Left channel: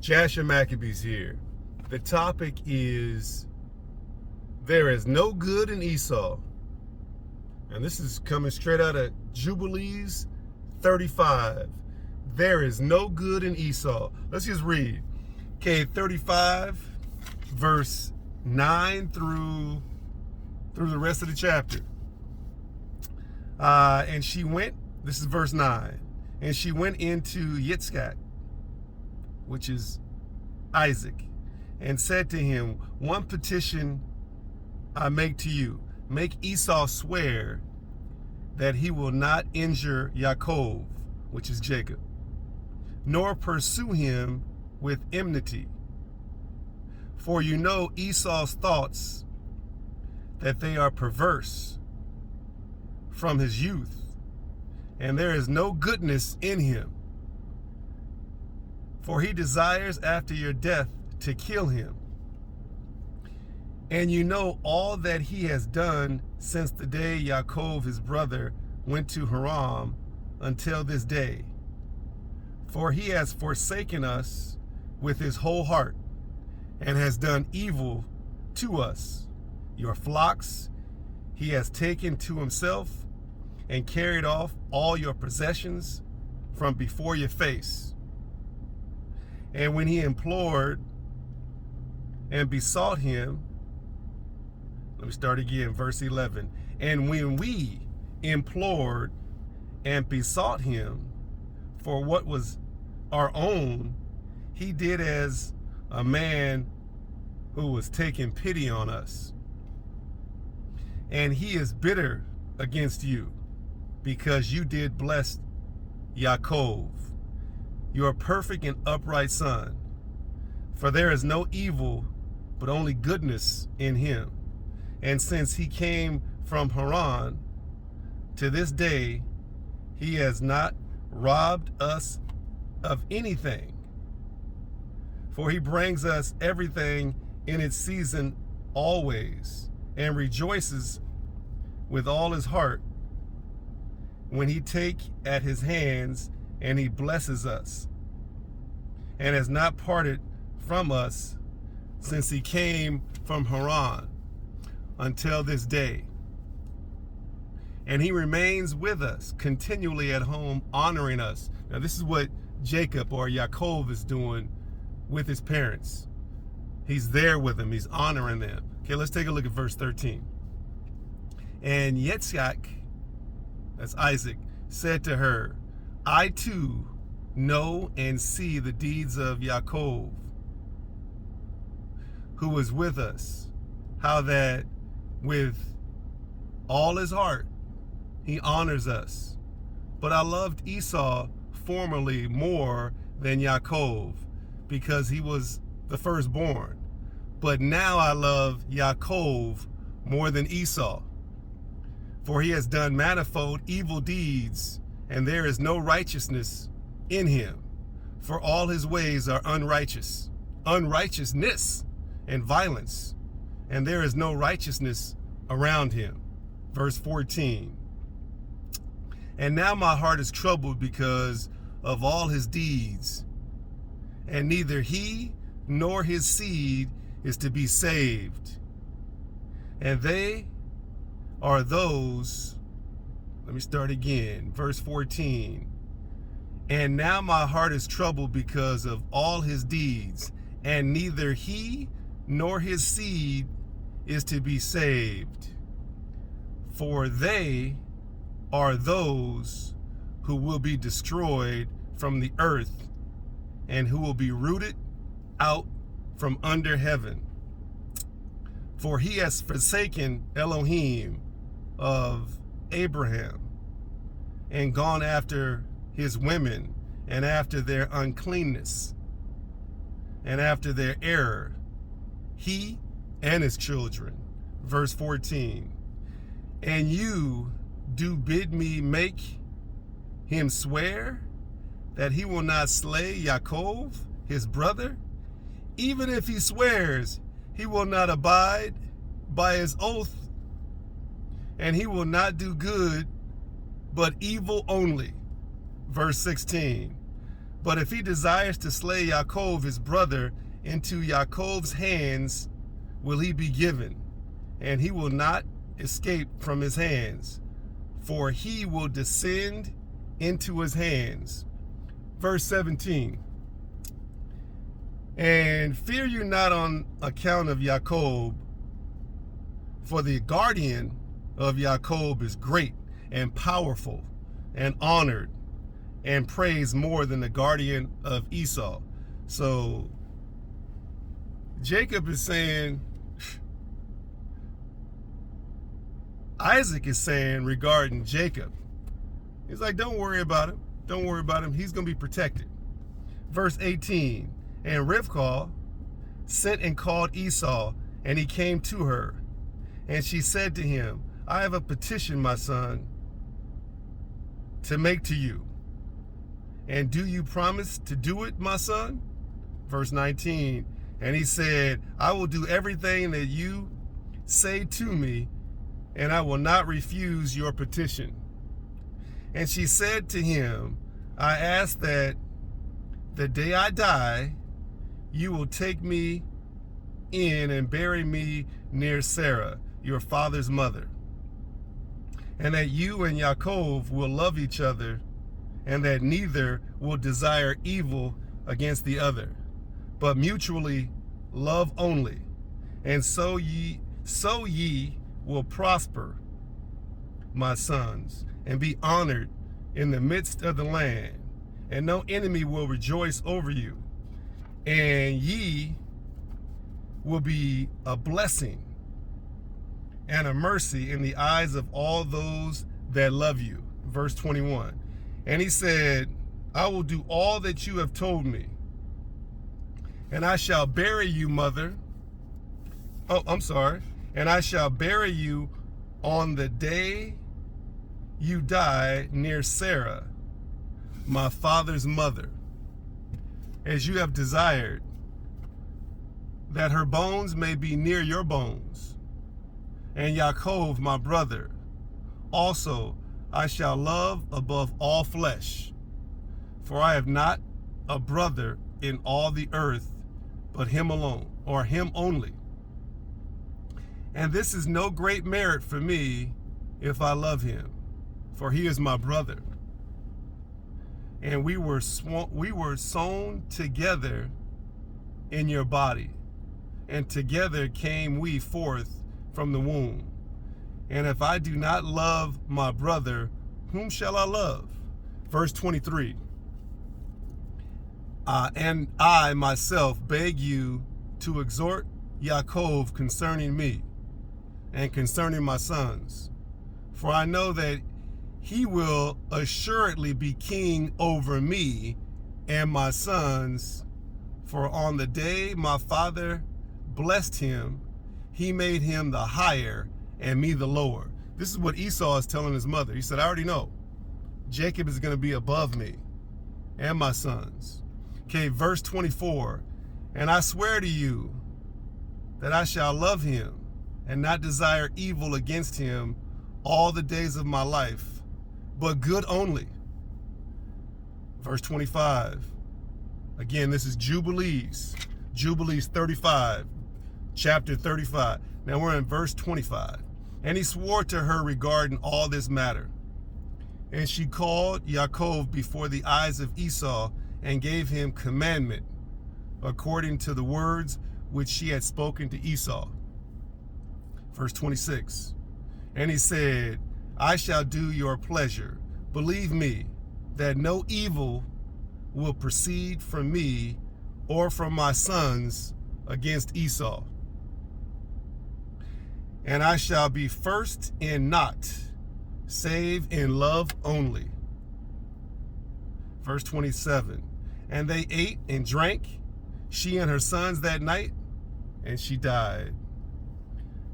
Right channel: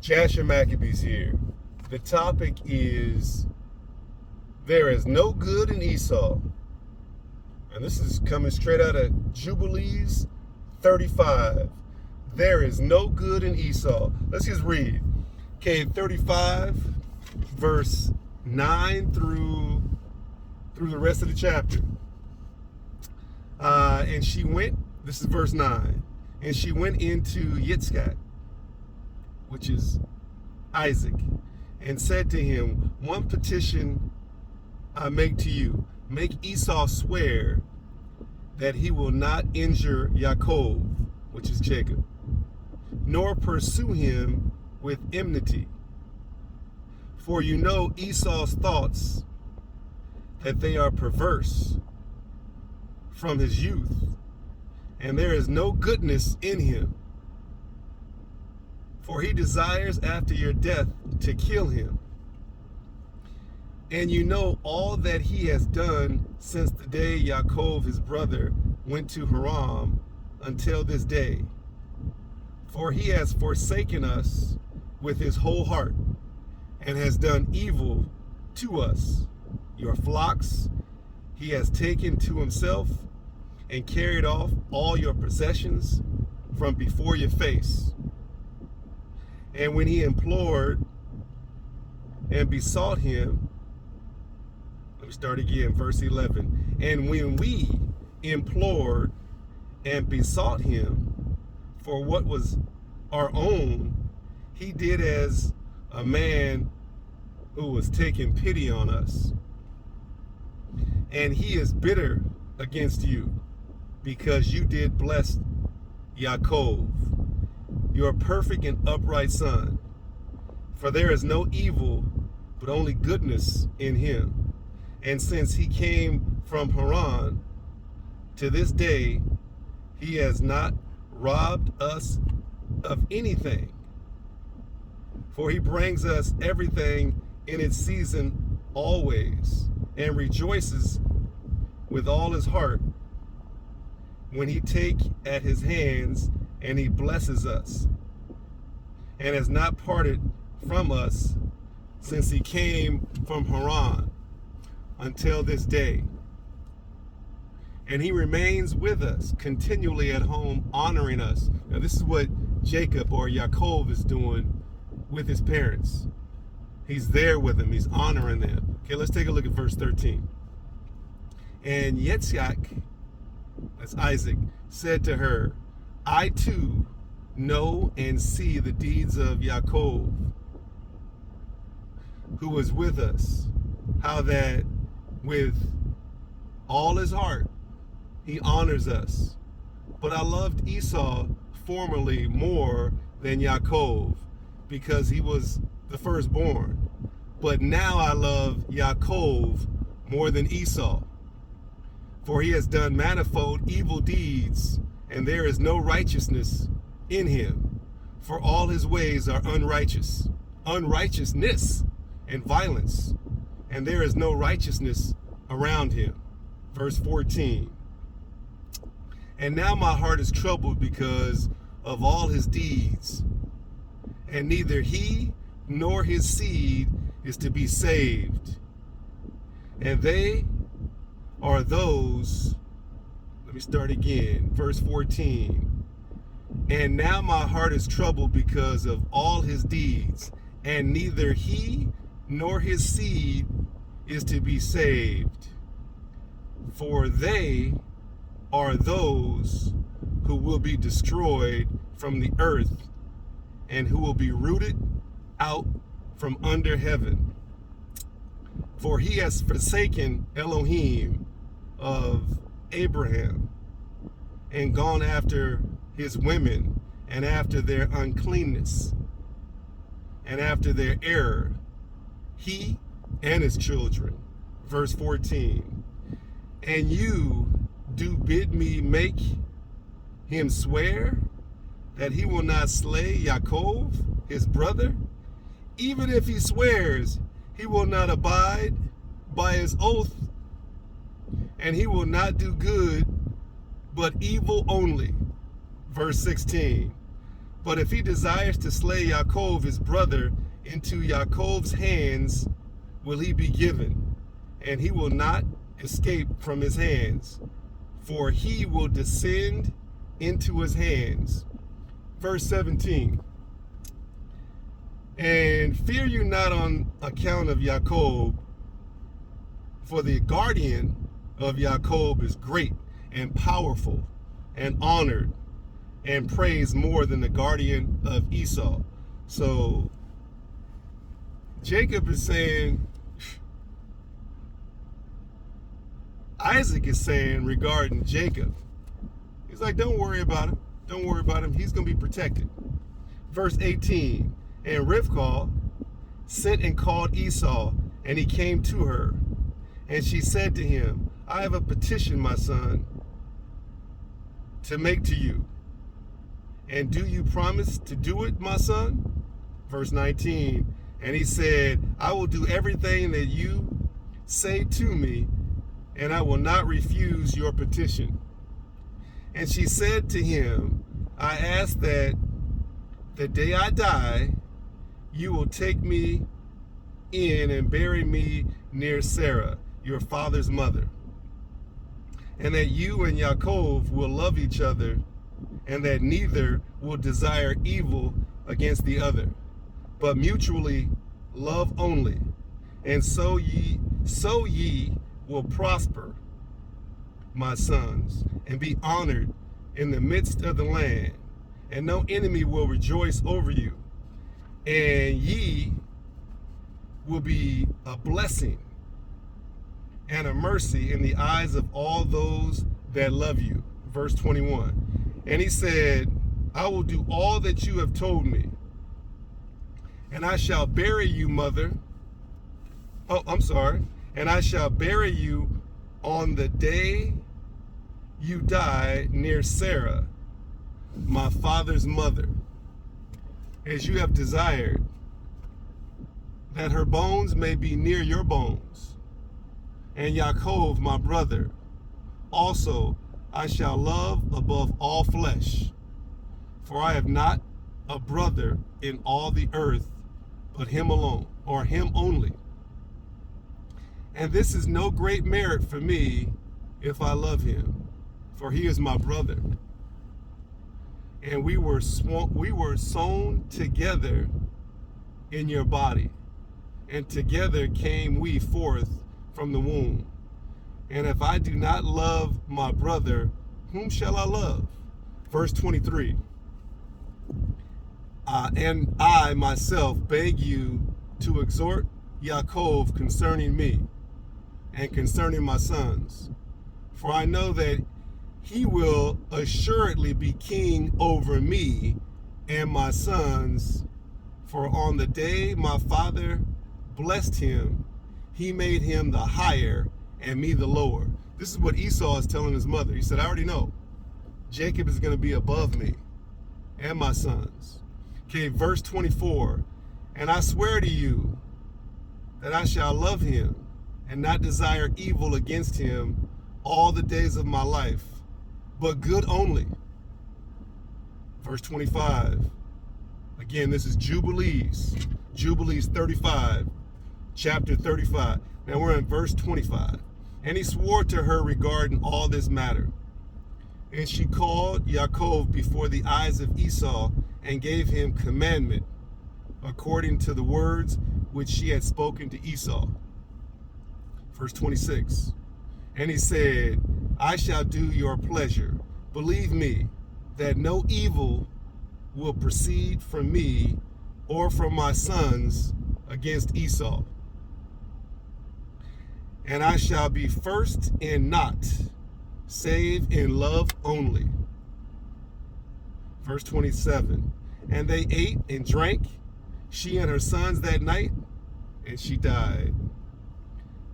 JasherMaccabees here. The topic is there is no good in Esau. And this is coming straight out of Jubilees 35. There is no good in Esau. Let's just read. Okay, 35, verse 9 through the rest of the chapter. And she went, this is verse 9, and she went into Yitzchak, which is Isaac, and said to him, one petition I make to you, make Esau swear that he will not injure Yaakov, which is Jacob, nor pursue him with enmity. For you know Esau's thoughts, that they are perverse from his youth, and there is no goodness in him. For he desires after your death to kill him. And you know all that he has done since the day Yaakov his brother went to Haran until this day. For he has forsaken us with his whole heart, and has done evil to us. Your flocks he has taken to himself, and carried off all your possessions from before your face. And when he implored and besought him, let me start again, verse 11. And when we implored and besought him for what was our own, he did as a man who was taking pity on us. And he is bitter against you, because you did bless Yaakov, your perfect and upright son. For there is no evil, but only goodness in him. And since he came from Haran to this day, he has not robbed us of anything. For he brings us everything in its season always, and rejoices with all his heart when he take at his hands, and he blesses us, and has not parted from us since he came from Haran until this day. And he remains with us continually at home, honoring us. Now this is what Jacob or Yaakov is doing with his parents. He's there with them, he's honoring them. Okay, let's take a look at verse 13. And Yitzchak, that's Isaac, said to her, I too know and see the deeds of Yaakov, who was with us, how that with all his heart he honors us. But I loved Esau formerly more than Yaakov, because he was the firstborn. But now I love Yaakov more than Esau, for he has done manifold evil deeds, and there is no righteousness in him. For all his ways are unrighteousness and violence, and there is no righteousness around him. Verse 14. And now my heart is troubled because of all his deeds, and neither he nor his seed is to be saved. And they are those, let me start again, verse 14. And now my heart is troubled because of all his deeds, and neither he nor his seed is to be saved. For they are those who will be destroyed from the earth, and who will be rooted out from under heaven. For he has forsaken Elohim of Abraham, and gone after his women, and after their uncleanness, and after their error, he and his children. Verse 14. And you do bid me make him swear that he will not slay Yaakov, his brother? Even if he swears, he will not abide by his oath, and he will not do good, but evil only. Verse 16. But if he desires to slay Yaakov, his brother, into Yaakov's hands will he be given, and he will not escape from his hands, for he will descend into his hands. Verse 17. And fear you not on account of Yaakov, for the guardian of Yaakov is great and powerful and honored and praised more than the guardian of Esau. So Jacob is saying, Isaac is saying regarding Jacob, he's like, don't worry about him. Don't worry about him. He's going to be protected. Verse 18, and Rivkah sent and called Esau, and he came to her. And she said to him, I have a petition, my son, to make to you. And do you promise to do it, my son? Verse 19, and he said, I will do everything that you say to me, and I will not refuse your petition. And she said to him, I ask that the day I die, you will take me in and bury me near Sarah, your father's mother, and that you and Yaakov will love each other, and that neither will desire evil against the other, but mutually love only, and so ye will prosper, my sons, and be honored in the midst of the land, and no enemy will rejoice over you, and ye will be a blessing and a mercy in the eyes of all those that love you. Verse 21. And he said, I will do all that you have told me, and I shall bury you, mother. And I shall bury you on the day you die near Sarah, my father's mother, as you have desired, that her bones may be near your bones. And Yaakov, my brother, also I shall love above all flesh, for I have not a brother in all the earth but him alone, or him only. And this is no great merit for me if I love him, for he is my brother. And we were sown together in your body, and together came we forth from the womb. And if I do not love my brother, whom shall I love? Verse 23. And I myself beg you to exhort Yaakov concerning me and concerning my sons. For I know that he will assuredly be king over me and my sons. For on the day my father blessed him, he made him the higher and me the lower. This is what Esau is telling his mother. He said, I already know Jacob is going to be above me and my sons. Okay, verse 24. And I swear to you that I shall love him and not desire evil against him all the days of my life, but good only. Verse 25. Again, this is Jubilees. Jubilees 35, chapter 35. Now we're in verse 25. And he swore to her regarding all this matter. And she called Yaakov before the eyes of Esau and gave him commandment according to the words which she had spoken to Esau. Verse 26. And he said, I shall do your pleasure. Believe me that no evil will proceed from me or from my sons against Esau. And I shall be first in naught, save in love only. Verse 27. And they ate and drank, she and her sons that night, and she died.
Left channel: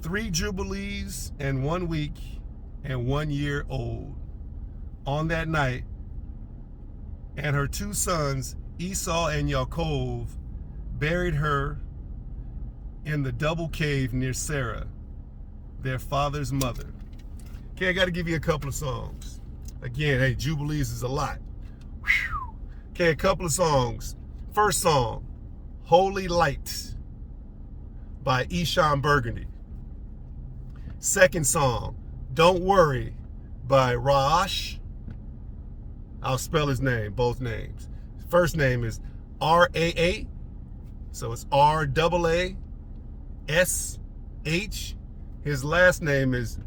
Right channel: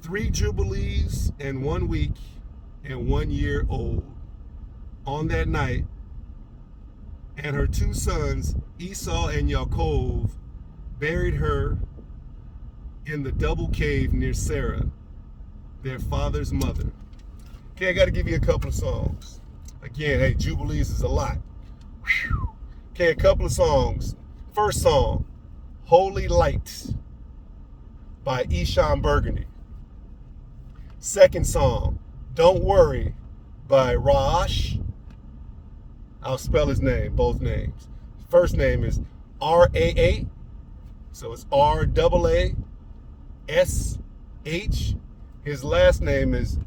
3 jubilees and 1 week and 1 year old on that night. And her 2 sons, Esau and Yaakov, buried her in the double cave near Sarah, their father's mother. Okay, I got to give you a couple of songs. Again, hey, Jubilees is a lot. Whew. Okay, a couple of songs. First song, Holy Light by Esau Burgundy. Second song, Don't Worry by Raash. I'll spell his name, both names. First name is R-A-A, so it's R-A-A-S-H. His last name is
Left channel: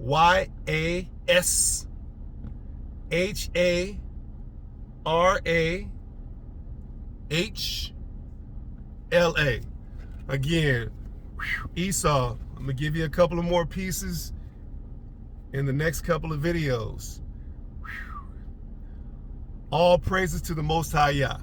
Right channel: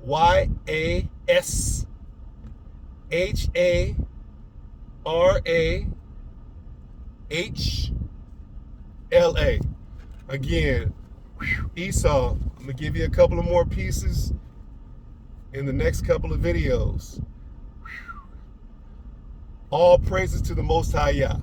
Y-A-S-H-A-R-A-H-L-A. Again, Esau, I'm going to give you a couple of more pieces in the next couple of videos. All praises to the Most High Yah.